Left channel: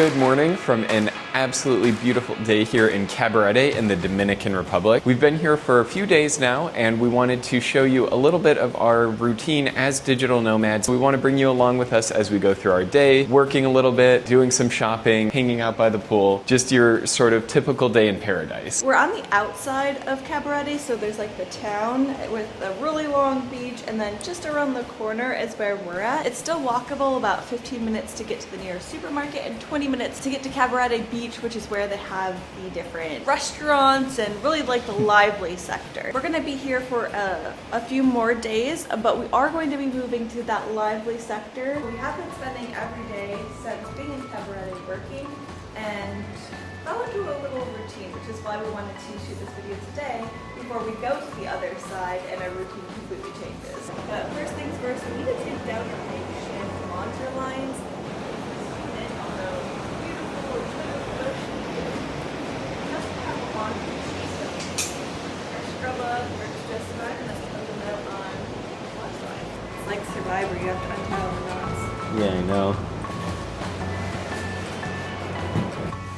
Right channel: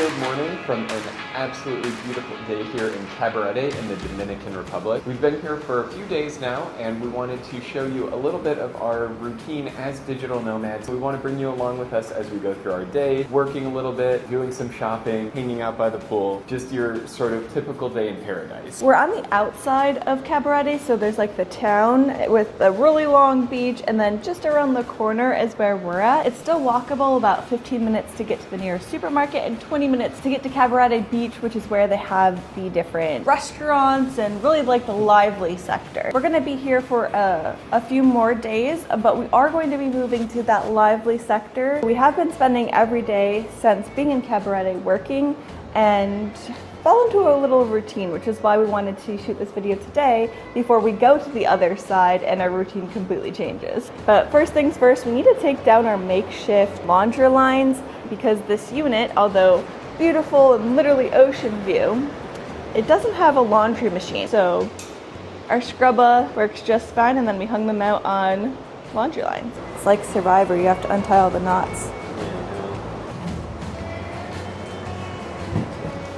Good morning from an absolutely beautiful day here in Cabarete in the Dominican Republic. We've been here for a few days now and we wanted to show you a little bit of our routine as digital nomads. We want to bring you along with us as we go through our day, working a little bit, doing some shopping, hanging out by the pool, just your sort of typical day in paradise. We're on the outside of Cabarete, so there's like the town with a really long beach, and then just around the corner is where we're at. It's still walkable, about 15 minutes to get to the nearest supermarket and 20 minutes to get to Cabarete Beach, which is where they have the different restaurants and really like the lively sector. We're gonna be here for a few more days, but we are going to be moving to that lively sector. We have been spending every day since being in Cabarete working and fell into a little routine, which is why we wanted to shoot this video today before we go to the other side and our routine completely changes. But first things first, we need to take down our makeshift laundry lines because this unit, although beautiful and literally ocean view, it doesn't have a laundry machine. So our scrubber works just fine, and then we hung them out on laundry lines. It's like Survivor, you have to untie all the knots. Yeah, I know.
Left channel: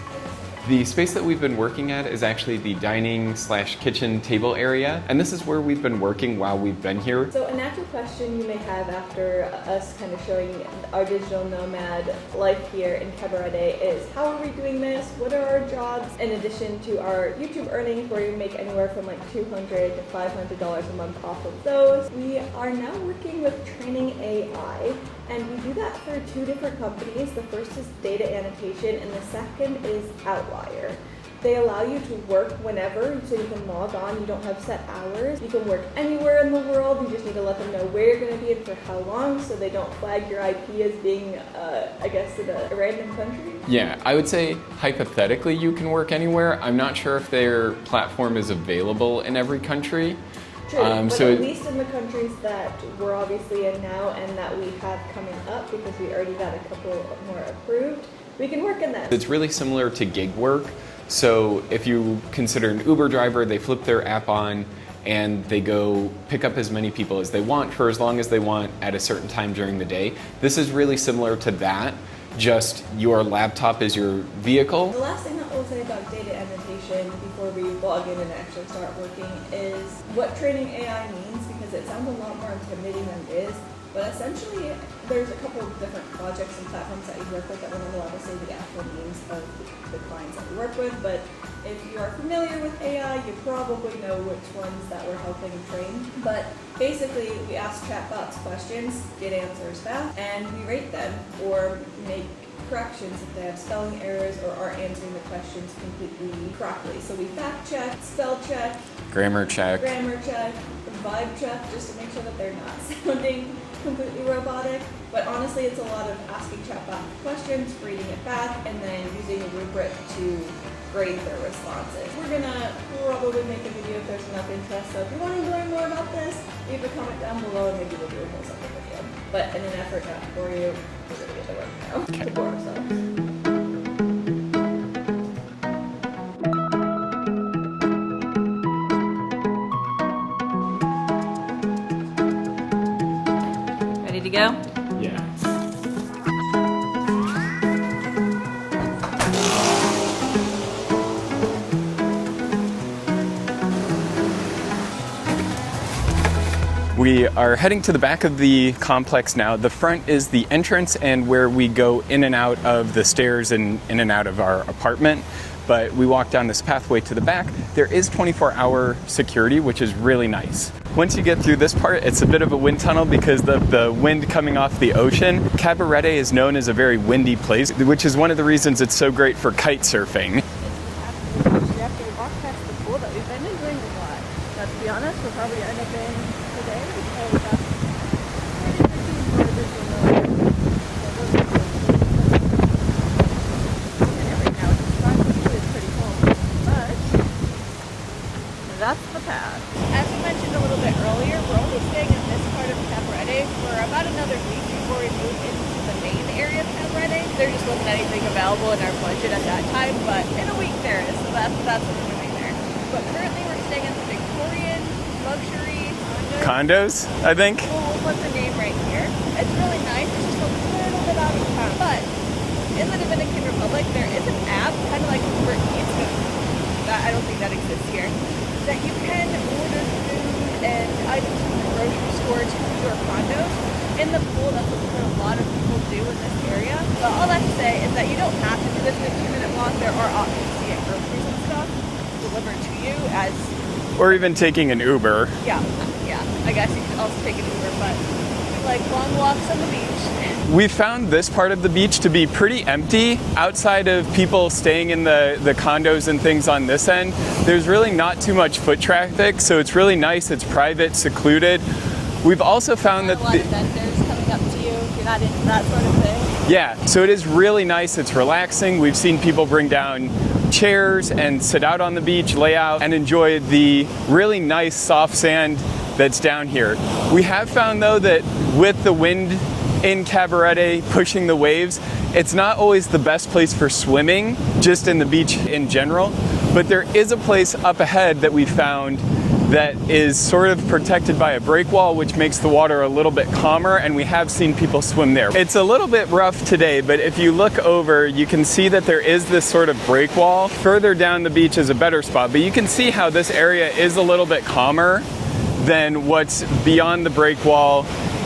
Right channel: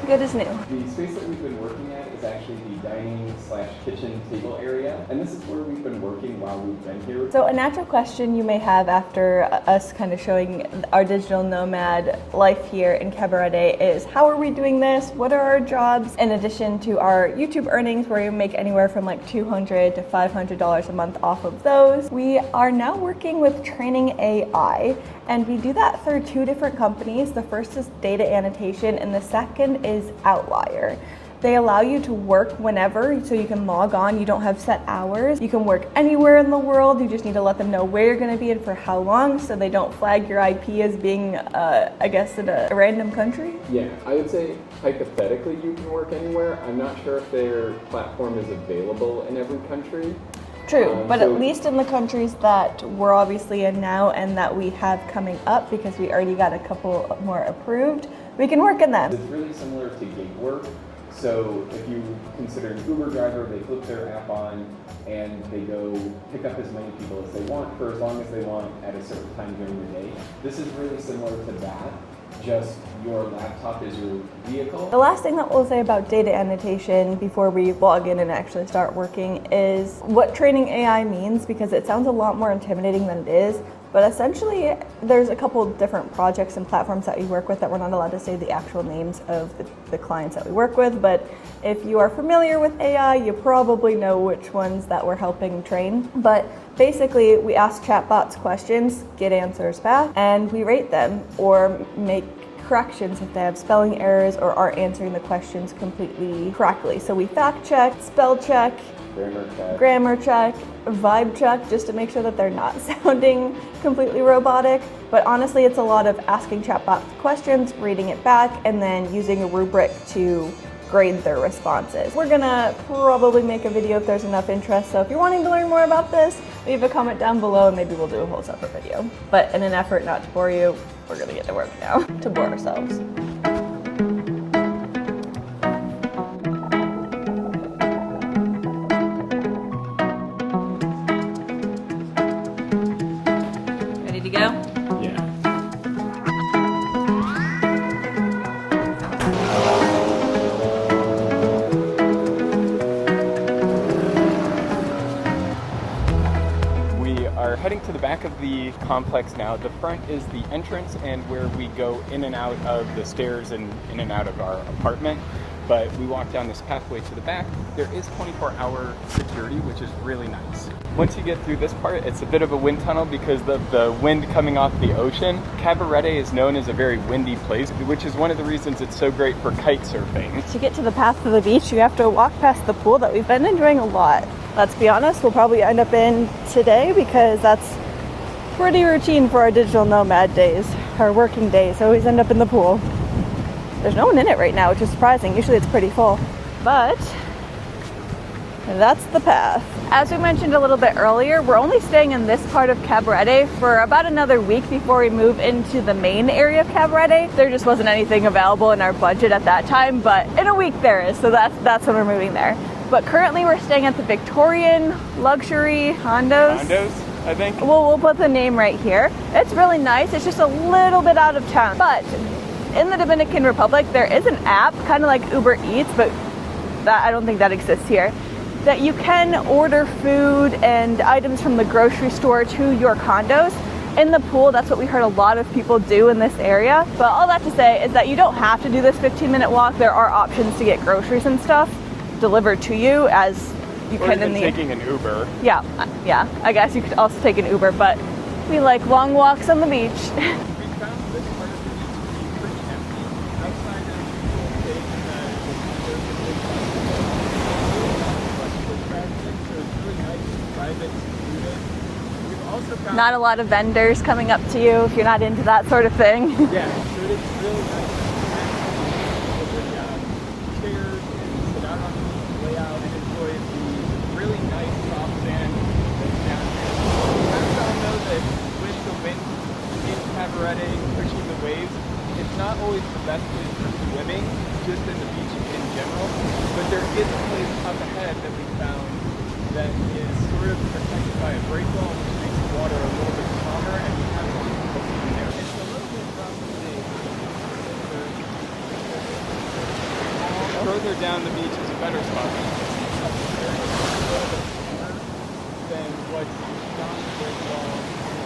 Good as new. The space that we've been working at is actually the dining / kitchen table area, and this is where we've been working while we've been here. So a natural question you may have after us kind of showing our digital nomad life here in Cabarete is, how are we doing this? What are our jobs? In addition to our YouTube earnings, where we make anywhere from like $200 to $500 a month off of those, we are now working with training AI. And we do that through two different companies. The first is Data Annotation and the second is Outlier. They allow you to work whenever, so you can log on. You don't have set hours. You can work anywhere in the world. You just need to let them know where you're going to be and for how long, so they don't flag your IP as being, I guess, in a random country. Yeah, I would say hypothetically you can work anywhere. I'm not sure if their platform is available in every country. True, but at least in the countries that we're obviously in now and that we have coming up, because we already got a couple more approved, we can work in them. It's really similar to gig work. So if you consider an Uber driver, they flip their app on and they go pick up as many people as they want for as long as they want at a certain time during the day. This is really similar to that. Just your laptop is your vehicle. The last thing that we'll say about data annotation before we log in and actually start working is what training AI means, because it sounds a lot more intimidating than it is. But essentially, there's a couple of different projects and platforms that we work with that we're not allowed to say the actual names of the clients that we work with. But if you are familiar with AI, you probably know which ones that we're helping train. But basically, we ask chatbots questions, get answers back, and we rate them or make corrections if they have spelling errors or aren't answering the questions completely correctly. So we fact check, spell check, grammar check, vibe check, just to make sure that they're not sounding completely robotic. But honestly, it's a lot of asking chatbot questions, reading it back, and then using a rubric to grade their responses. We're gonna probably make a video if there's enough interest, so if you're wanting to learn more about this, leave a comment down below and maybe we'll do a whole separate video. But in an effort not to bore you, we're gonna get to work now to bore ourselves. Ready to go? Yeah. We are heading to the back of the complex now. The front is the entrance and where we go in and out of the stairs and in and out of our apartment. But we walk down this pathway to the back. There is 24-hour security, which is really nice. Once you get through this part, it's a bit of a wind tunnel because of the wind coming off the ocean. Cabarete is known as a very windy place, which is one of the reasons it's so great for kite surfing. To get to the path to the beach, you have to walk past the pool that we've been enjoying a lot. Let's be honest, we'll probably end up in today because that's pretty routine for our digital nomad days. Our working days always end up in the pool. There's no one in it right now, which is surprising. Usually it's pretty full, but that's the path. As we mentioned a little bit earlier, we're only staying in this part of Cabarete for about another week before we move into the main area of Cabarete. There just wasn't anything available in our budget at that time, but in a week there is, so that's when we're moving there. But currently we're staying at the Victorian luxury condos. Condos, I think. We'll put the name right here. It's really nice. It's just a little bit out of town, but in the Dominican Republic, there is an app, kind of like Uber Eats, but I don't think that exists here, that you can order food and items from the grocery store to your condos in the pool. That's what we heard a lot of people do in this area. But all that to say is that you don't have to do this 15-minute walk. There are options to get groceries and stuff delivered to you as you or even taking an Uber. Yeah, I guess you could also take an Uber, but we like long walks on the beach. We found this part of the beach to be pretty empty. Outside of people staying in the condos and things on this end, there's really not too much foot traffic, so it's really nice. It's private, secluded. We've also found not a lot of vendors coming up to you if you're not into that sort of thing. Yeah, so it is really nice. It's relaxing. We've seen people bring down chairs and sit out on the beach, lay out, and enjoy the really nice soft sand that's down here. We have found though that with the wind in Cabarete pushing the waves, it's not always the best place for swimming, just in the beach in general, but there is a place up ahead that we found that is sort of protected by a break wall, which makes the water a little bit calmer, and we have seen people swim there. It's a little bit rough today, but if you look over, you can see that there is this sort of break wall. Further down the beach is a better spot, but you can see how this area is a little bit calmer than what's beyond the break wall,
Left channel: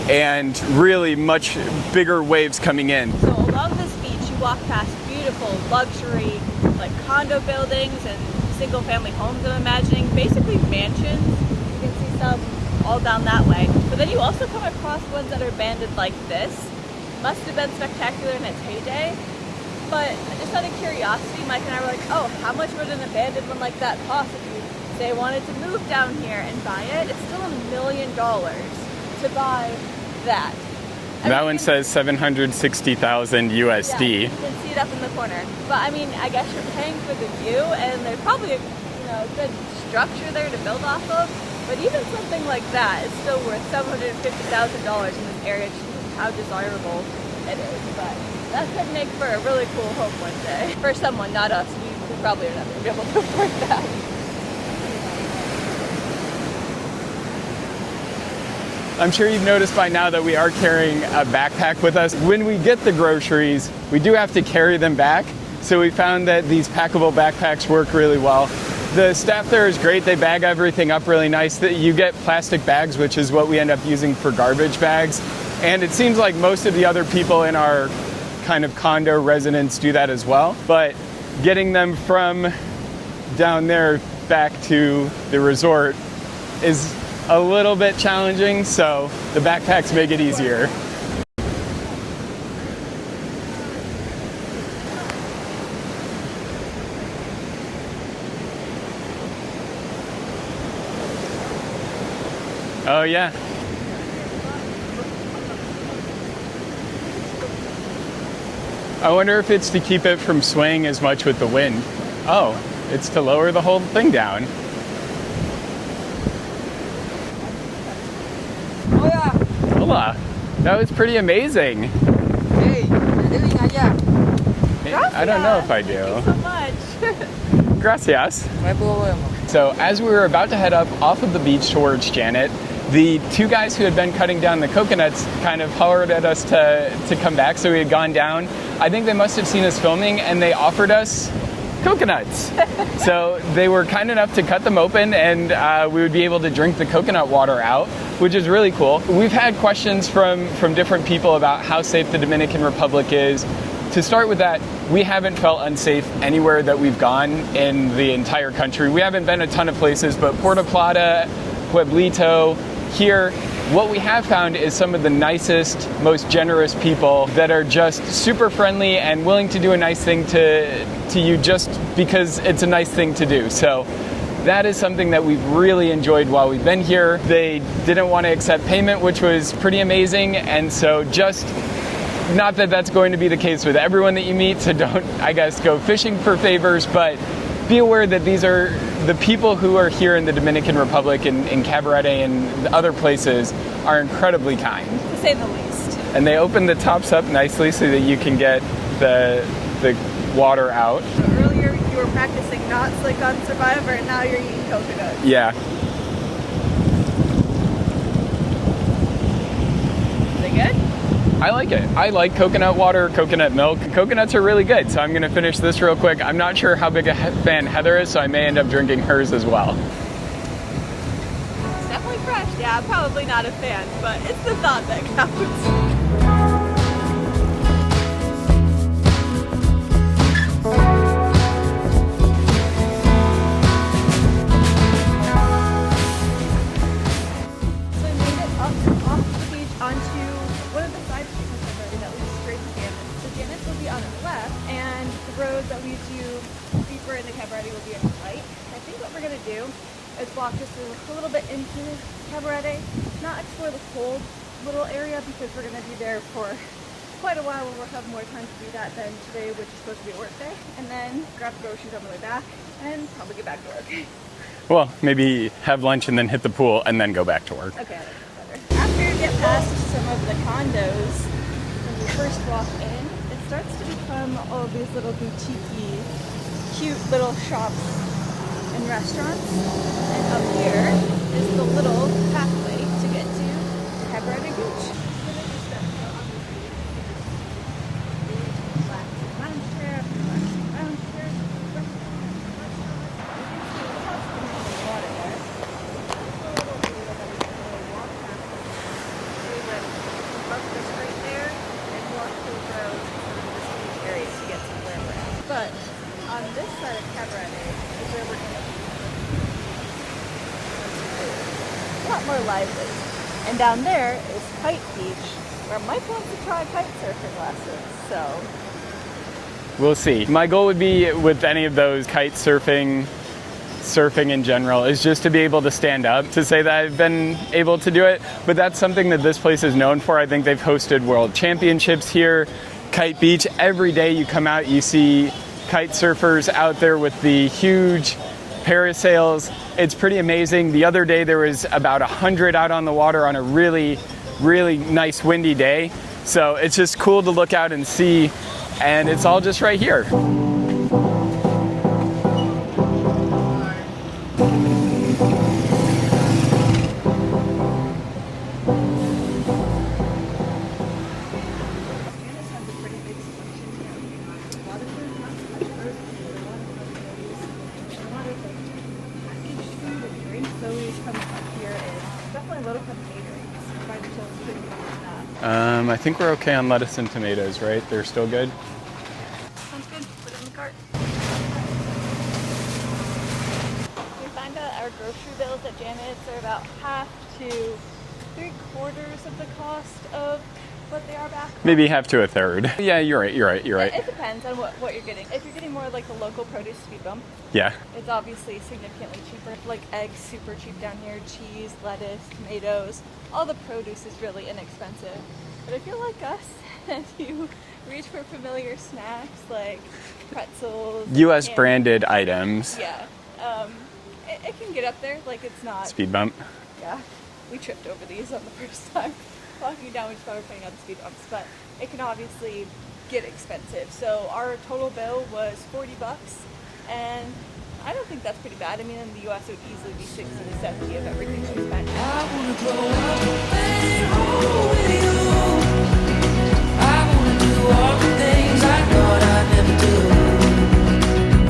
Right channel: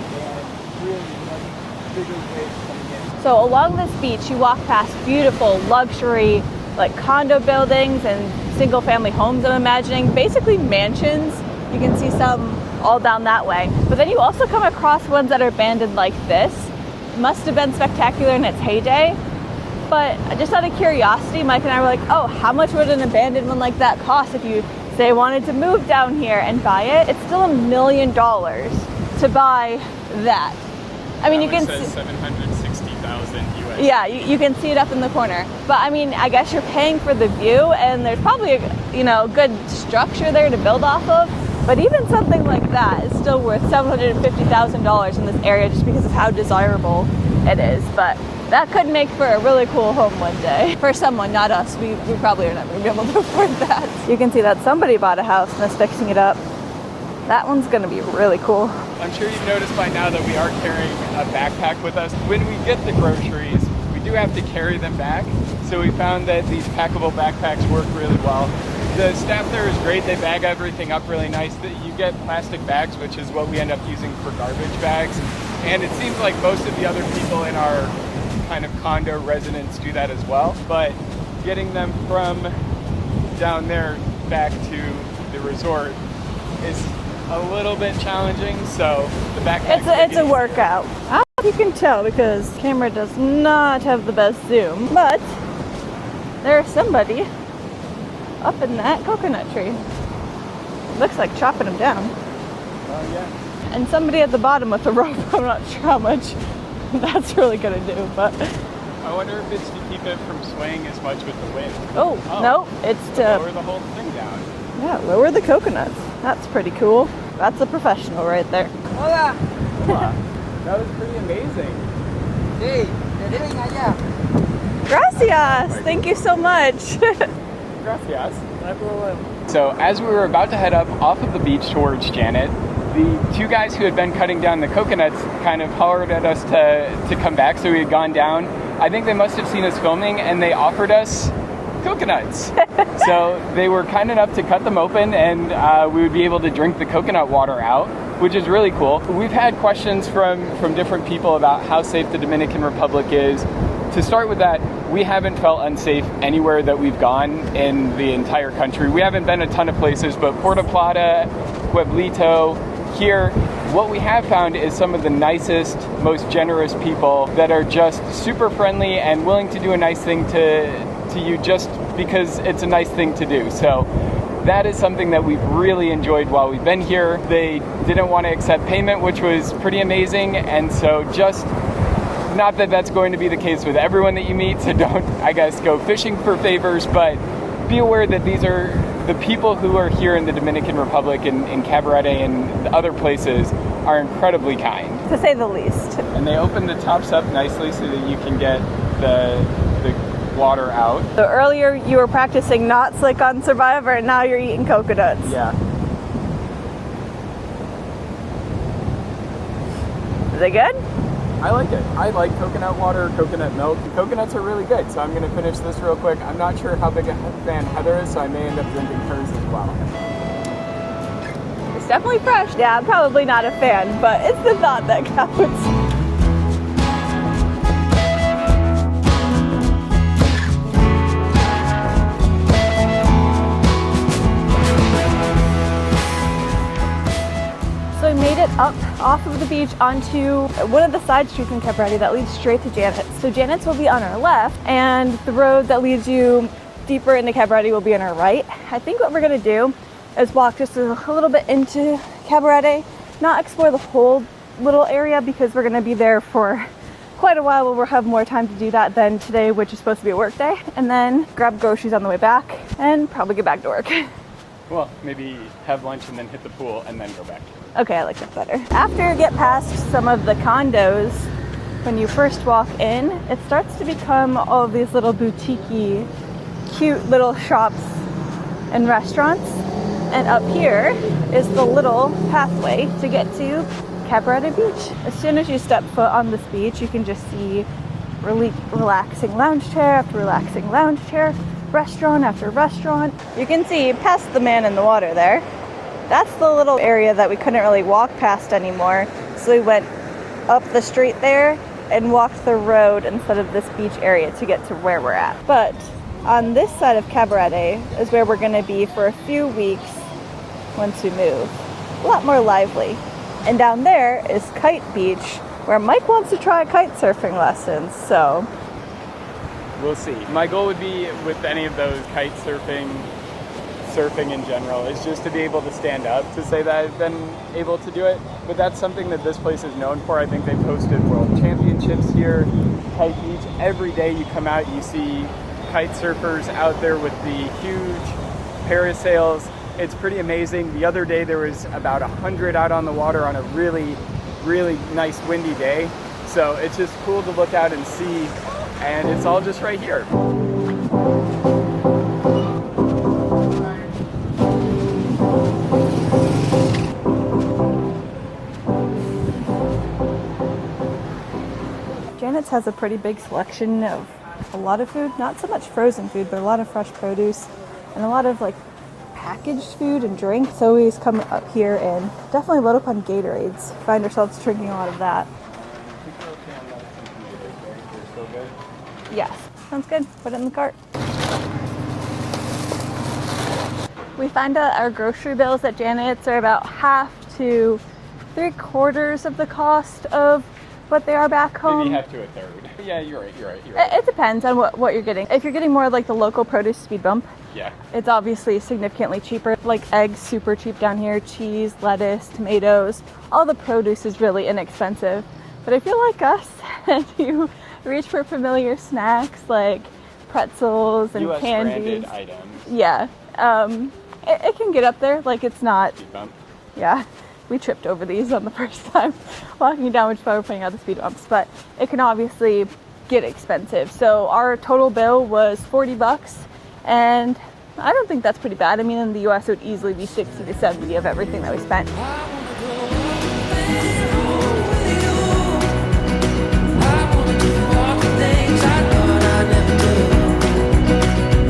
and really much bigger waves coming in. So along this beach, you walk past beautiful luxury, like condo buildings and single family homes, I'm imagining, basically mansions. You can see some all down that way. But then you also come across ones that are abandoned like this. Must have been spectacular in its heyday. But just out of curiosity, Mike and I were like, oh, how much would an abandoned one like that cost if you, say, wanted to move down here and buy it? It's still $1 million to buy that. I mean, that one says 760,000 USD. Yeah, you can see it up in the corner. But I mean, I guess you're paying for the view, and there's probably a good structure there to build off of. But even something like that is still worth $750,000 in this area just because of how desirable it is. But that could make for a really cool home one day. For someone, not us. We probably are not going to be able to afford that. You can see that somebody bought a house and is fixing it up. That one's gonna be really cool. I'm sure you've noticed by now that we are carrying a backpack with us. When we get the groceries, we do have to carry them back. So we found that these packable backpacks work really well. The staff there is great. They bag everything up really nice. You get plastic bags, which is what we end up using for garbage bags. And it seems like most of the other people in our kind of condo residence do that as well. But getting them from down there back to the resort is a little bit challenging, so the backpacks make it easier. It's a workout. I don't know if you can tell because the camera does not have the best zoom, but there's somebody up in that coconut tree. Looks like chopping them down. Oh yeah. And somebody at the bottom with a rope. I'm not sure how much that's really gonna do, but I wonder if it's to keep it from swaying as much with the wind. Oh, no, it's to lower the whole thing down. Yeah, lower the coconuts. That's pretty cool. That's a professional right there. Hola. Hola. That was pretty amazing. Hey, allá. Gracias. Thank you so much. Gracias. No hay problema. So as we were about to head up off of the beach towards Janet, the two guys who had been cutting down the coconuts kind of hollered at us to come back, so we had gone down. I think they must have seen us filming, and they offered us coconuts. So they were kind enough to cut them open, and we would be able to drink the coconut water out, which is really cool. We've had questions from different people about how safe the Dominican Republic is. To start with that, we haven't felt unsafe anywhere that we've gone in the entire country. We haven't been a ton of places, but Puerto Plata, Pueblito, here, what we have found is some of the nicest, most generous people that are just super friendly and willing to do a nice thing to you just because it's a nice thing to do. So that is something that we've really enjoyed while we've been here. They didn't want to accept payment, which was pretty amazing. And so just, not that that's going to be the case with everyone that you meet, so don't, I guess, go fishing for favors, but be aware that these are the people who are here in the Dominican Republic and in Cabarete and other places are incredibly kind. To say the least. And they open the tops up nicely so that you can get the water out. So earlier you were practicing not slick on Survivor, and now you're eating coconuts. Yeah. Is it good? I like it. I like coconut water, coconut milk. Coconuts are really good, so I'm gonna finish this real quick. I'm not sure how big a fan Heather is, so I may end up drinking hers as well. It's definitely fresh. Yeah, I'm probably not a fan, but it's the thought that counts. Up off of the beach onto one of the side streets in Cabarete that leads straight to Janet's. So Janet's will be on our left, and the road that leads you deeper into Cabarete will be on our right. I think what we're gonna do is walk just a little bit into Cabarete, not explore the whole little area because we're gonna be there for quite a while. We'll have more time to do that than today, which is supposed to be a work day, and then grab groceries on the way back and probably get back to work. Well, maybe have lunch and then hit the pool and then go back to work. Okay, I like that better. After you get past some of the condos, when you first walk in, it starts to become all of these little boutique-y, cute little shops and restaurants. And up here is the little pathway to get to Cabarete Beach. As soon as you step foot on this beach, you can just see really relaxing lounge chair after relaxing lounge chair, restaurant after restaurant. You can see past the man in the water there. That's the little area that we couldn't really walk past anymore. So we went up the street there and walked the road instead of this beach area to get to where we're at. But on this side of Cabarete is where we're gonna be for a few weeks once we move. A lot more lively. And down there is Kite Beach, where Mike wants to try kite surfing lessons, so we'll see. My goal would be with any of those kite surfing in general is just to be able to stand up to say that I've been able to do it. But that's something that this place is known for. I think they've hosted world championships here. Kite Beach, every day you come out, you see kite surfers out there with the huge parasails. It's pretty amazing. The other day there was about 100 out on the water on a really, really nice windy day. So it's just cool to look out and see. And it's all just right here. Janet's has a pretty big selection of a lot of food, not so much frozen food, but a lot of fresh produce and a lot of like packaged food and drinks. So we just come up here and definitely load up on Gatorades. Find ourselves drinking a lot of that. I think we're okay on lettuce and tomatoes, right? They're still good? Yeah, sounds good. Put it in the cart. We find out our grocery bills at Janet's are about half to 3/4 of the cost of what they are back home. Maybe half to a third. Yeah, you're right. It depends on what you're getting. If you're getting more like the local produce speed bump, yeah, it's obviously significantly cheaper. Like eggs, super cheap down here, cheese, lettuce, tomatoes, all the produce is really inexpensive. But if you're like us and you reach for familiar snacks like pretzels and U.S. candy, branded items. Yeah, it can get up there. Like it's not speed bump. Yeah, we tripped over these on the first time walking down, which is why we're putting out the speed bumps. But it can obviously get expensive. So our total bill was $40, and I don't think that's pretty bad. I mean, in the U.S. it would easily be 60 to 70 of everything that we spent. I wanna grow up and roll with you. I wanna do all the things I thought I'd never do.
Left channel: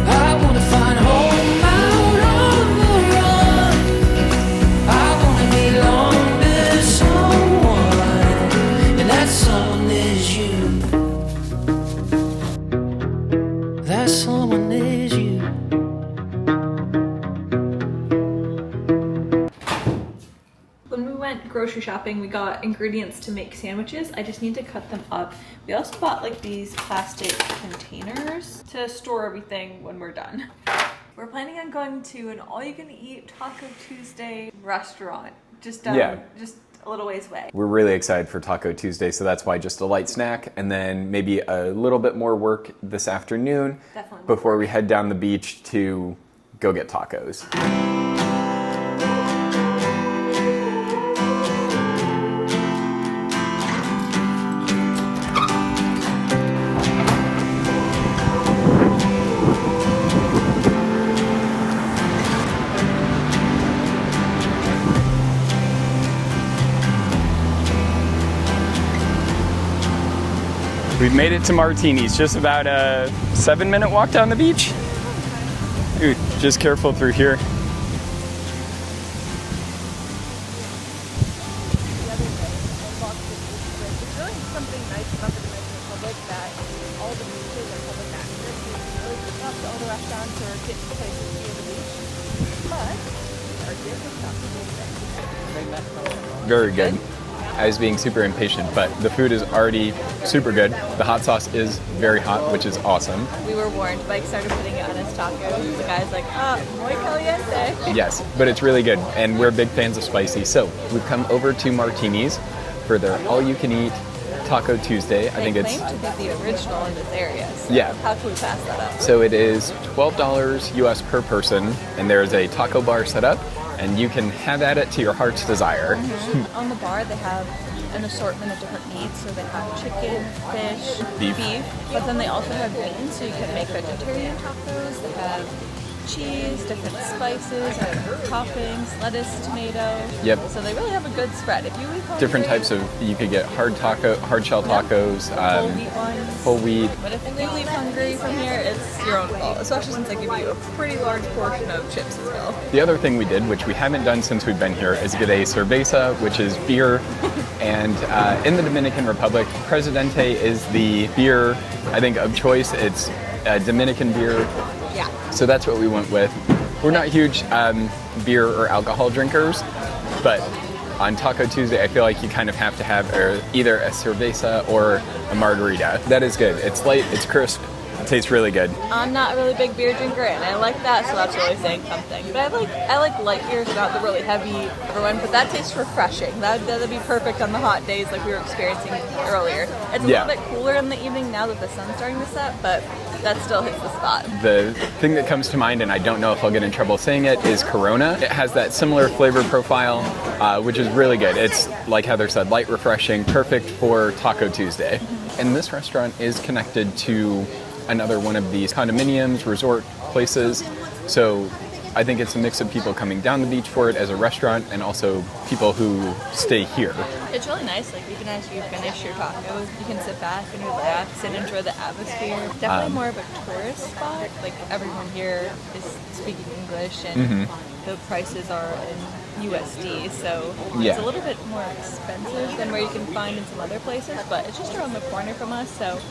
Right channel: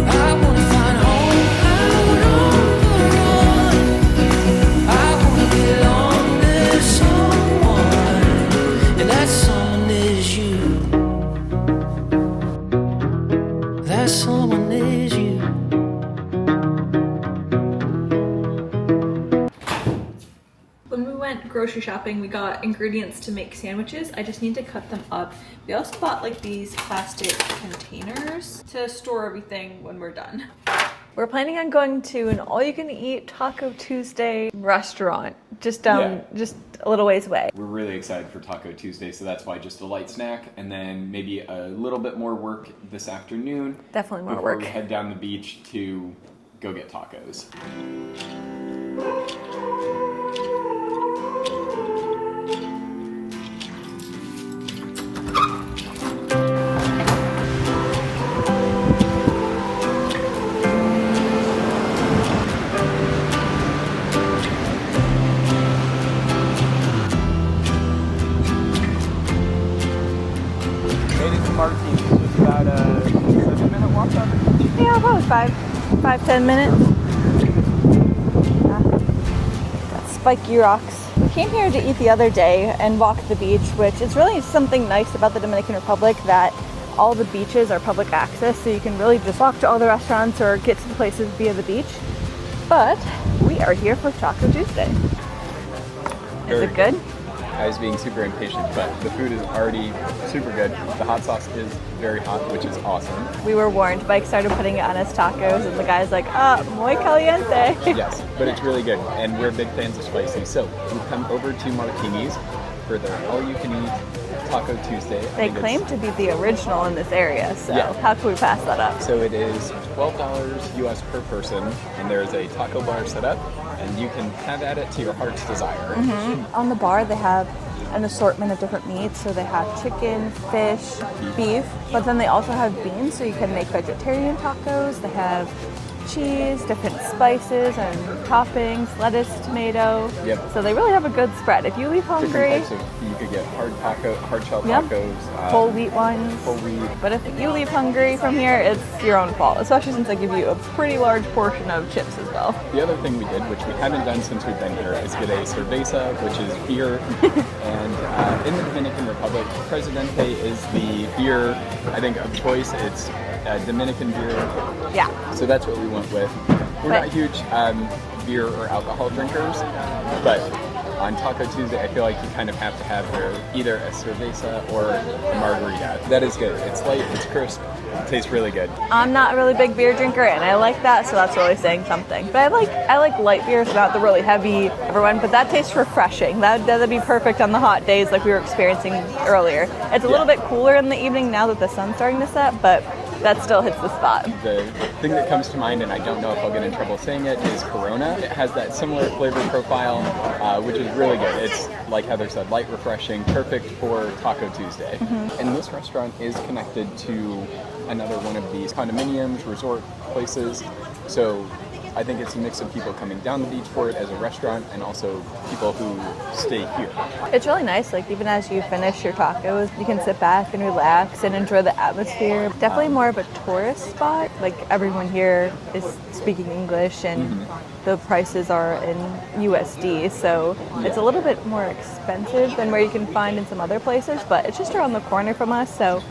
I wanna find home out on the run. I wanna belong to someone, and that someone is you. That someone is you. When we went grocery shopping, we got ingredients to make sandwiches. I just need to cut them up. We also bought like these plastic containers to store everything when we're done. We're planning on going to an all-you-can-eat Taco Tuesday restaurant, just down, just a little ways away. We're really excited for Taco Tuesday, so that's why just a light snack, and then maybe a little bit more work this afternoon. Definitely more before work. we head down the beach to go get tacos. We've made it to Martinis, just about a 7-minute walk down the beach. Yeah, about 5, 10 minutes. Just careful through here. Spiky rocks. We came here to eat the other day and walk the beach, which is really something nice about the Dominican Republic, that all the beaches are public access, so you can really just walk to all the restaurants or get to the places via the beach. But we are here for Taco Tuesday. Very Good? I was being super impatient, but the food is already super good. The hot sauce is very hot, which is awesome. We were warned. Mike started putting it on his tacos, and the guy's like, muy caliente. Yes, but it's really good, and we're big fans of spicy. So we've come over to Martini's for their all-you-can-eat Taco Tuesday. They claim to be the original in this area, so Yeah. how can we pass that up? So it is $12 US per person, and there's a taco bar set up, and you can have at it to your heart's desire. On the bar, they have an assortment of different meats. So they have chicken, fish, Beef. but then they also have beans, so you can make vegetarian tacos. They have cheese, different spices and toppings, lettuce, tomato. Yep. So they really have a good spread. If you leave hungry, Different types of, you could get hard shell Yep. tacos, whole wheat ones. whole wheat. But if you leave hungry from here, it's your own fault, especially since they give you a pretty large portion of chips as well. The other thing we did, which we haven't done since we've been here, is get a cerveza, which is beer. And in the Dominican Republic, Presidente is the beer, I think, of choice. It's Dominican beer. Yeah. So that's what we went with. We're not huge beer or alcohol drinkers, but on Taco Tuesday, I feel like you kind of have to have either a cerveza or a margarita. That is good. It's light, it's crisp, it tastes really good. I'm not a really big beer drinker, and I like that, so that's really saying something. But I like light beers, not the really heavy one, but that tastes refreshing. That'd be perfect on the hot days like we were experiencing earlier. It's a little bit cooler in the evening now that the sun's starting to set, but that still hits the spot. The thing that comes to mind, and I don't know if I'll get in trouble saying it, is Corona. It has that similar flavor profile, which is really good. It's, like Heather said, light, refreshing, perfect for Taco Tuesday. And this restaurant is connected to another one of these condominiums, resort places. So I think it's a mix of people coming down the beach for it as a restaurant and also people who stay here. It's really nice, like even as you finish your tacos, you can sit back and relax and enjoy the atmosphere. Definitely more of a tourist spot. Like everyone here is speaking English and the prices are in USD, so it's a little bit more expensive than where you can find in some other places, but it's just around the corner from us, so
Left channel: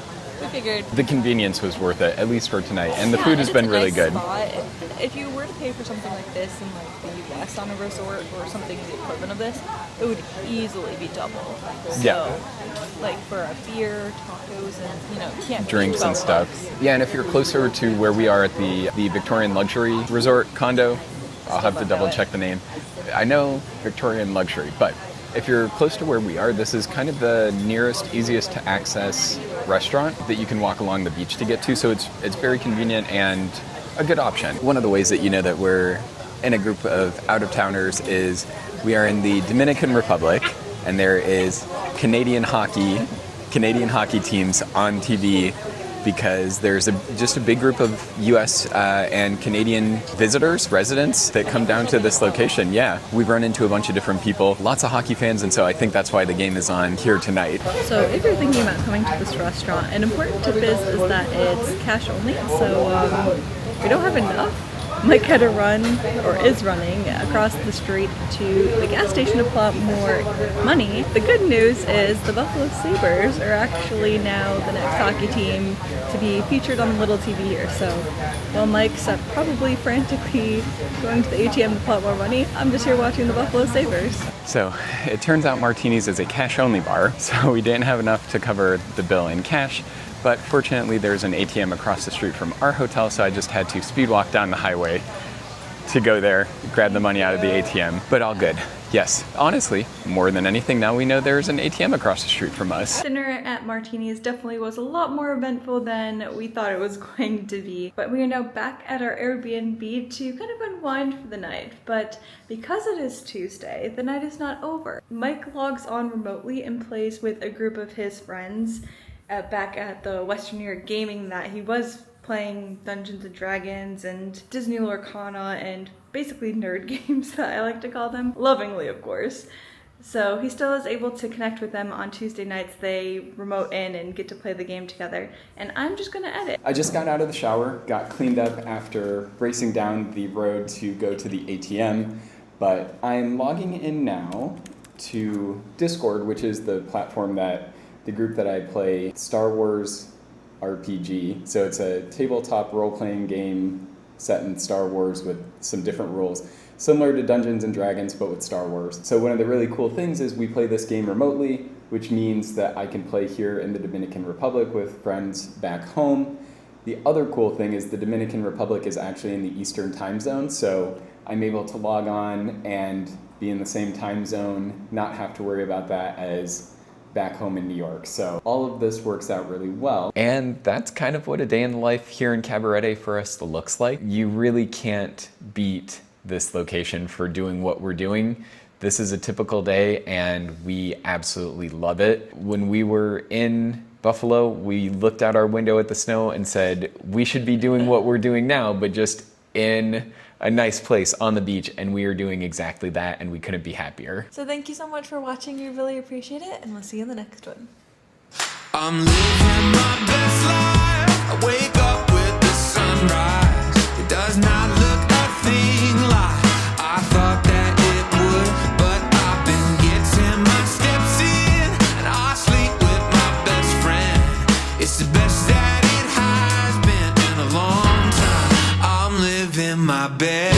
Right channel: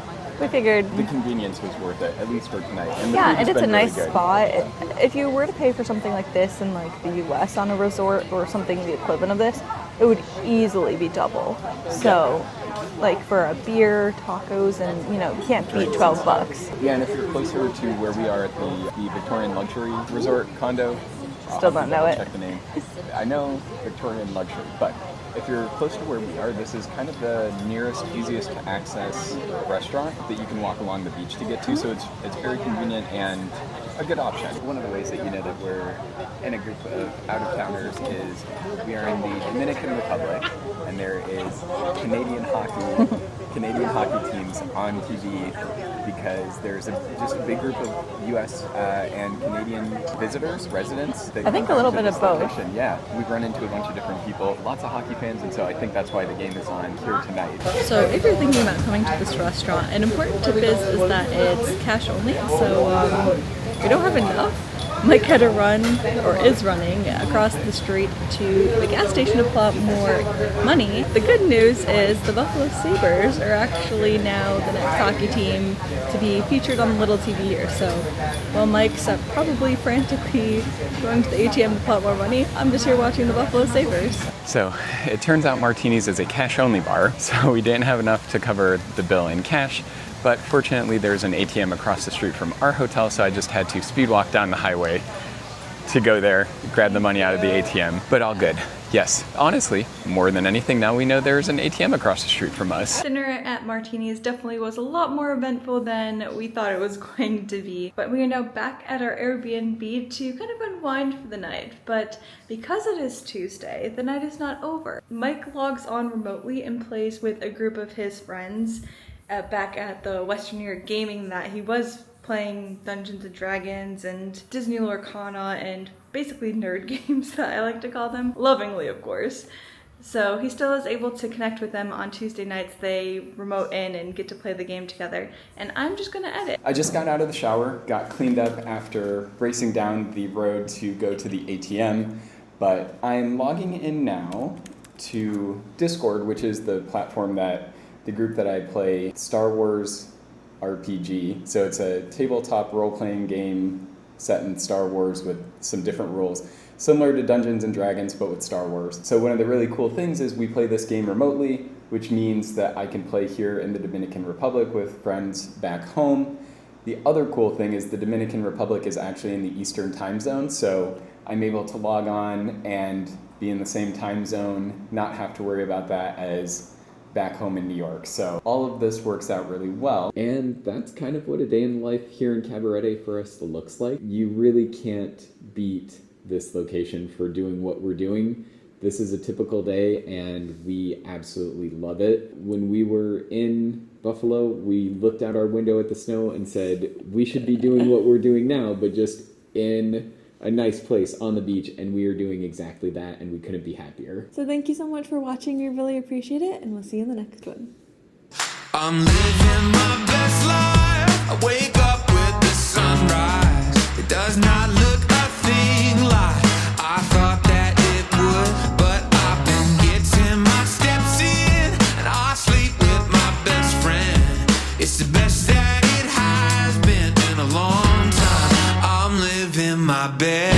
we figured the convenience was worth it, at least for tonight, and the food has been really good. It's a nice spot. If you were to pay for something like this in like the US on a resort or something the equivalent of this, it would easily be double. So like for a beer, tacos, and it can't Drinks be 12 and stuff. bucks. Yeah, and if you're closer to where we are at the Victorian Luxury Resort condo, I'll have to don't know double it. check the name. I know Victorian Luxury, but if you're close to where we are, this is kind of the nearest, easiest to access restaurant that you can walk along the beach to get to, so it's very convenient and a good option. One of the ways that you know that we're in a group of out-of-towners is we are in the Dominican Republic, and there is Canadian hockey teams on TV because there's just a big group of U.S. And Canadian visitors, residents that come down to this location. Yeah, we've run into a bunch of different people, lots of hockey fans, and so I think that's why the game is on here tonight. So if you're thinking about coming to this restaurant, an important tip is that it's cash only, so we don't have enough. Mike had to run, or is running, across the street to the gas station to pull out more money. The good news is the Buffalo Sabres are actually now the next hockey team to be featured on the little TV here. So while Mike's probably frantically going to the ATM to pull out more money, I'm just here watching the Buffalo Sabres. So it turns out Martini's is a cash-only bar, so we didn't have enough to cover the bill in cash. But fortunately, there's an ATM across the street from our hotel, so I just had to speed walk down the highway to go there, grab the money out of the ATM. But all good. Yes, honestly, more than anything, now we know there's an ATM across the street from us. Dinner at Martini's definitely was a lot more eventful than we thought it was going to be. But we are now back at our Airbnb to kind of unwind for the night. But because it is Tuesday, the night is not over. Mike logs on remotely and plays with a group of his friends back at the Western New York Gaming that he was playing Dungeons and Dragons and Disney Lorcana and basically nerd games that I like to call them, lovingly of course. So he still is able to connect with them on Tuesday nights. They remote in and get to play the game together. And I'm just gonna edit. I just got out of the shower, got cleaned up after racing down the road to go to the ATM, but I'm logging in now to Discord, which is the platform that the group that I play, Star Wars RPG. So it's a tabletop role-playing game set in Star Wars with some different rules, similar to Dungeons and Dragons, but with Star Wars. So one of the really cool things is we play this game remotely, which means that I can play here in the Dominican Republic with friends back home. The other cool thing is the Dominican Republic is actually in the Eastern time zone, so I'm able to log on and be in the same time zone, not have to worry about that as back home in New York. So all of this works out really well. And that's kind of what a day in the life here in Cabarete for us looks like. You really can't beat this location for doing what we're doing. This is a typical day and we absolutely love it. When we were in Buffalo, we looked out our window at the snow and said, we should be doing what we're doing now, but just in a nice place on the beach, and we are doing exactly that, and we couldn't be happier. So thank you so much for watching. We really appreciate it, and we'll see you in the next one. I'm living my best life. I wake up with the sunrise. It does not look a thing like I thought that it would, but I've been getting my steps in, and I sleep with my best friend. It's the best that it has been in a long time. I'm living my best.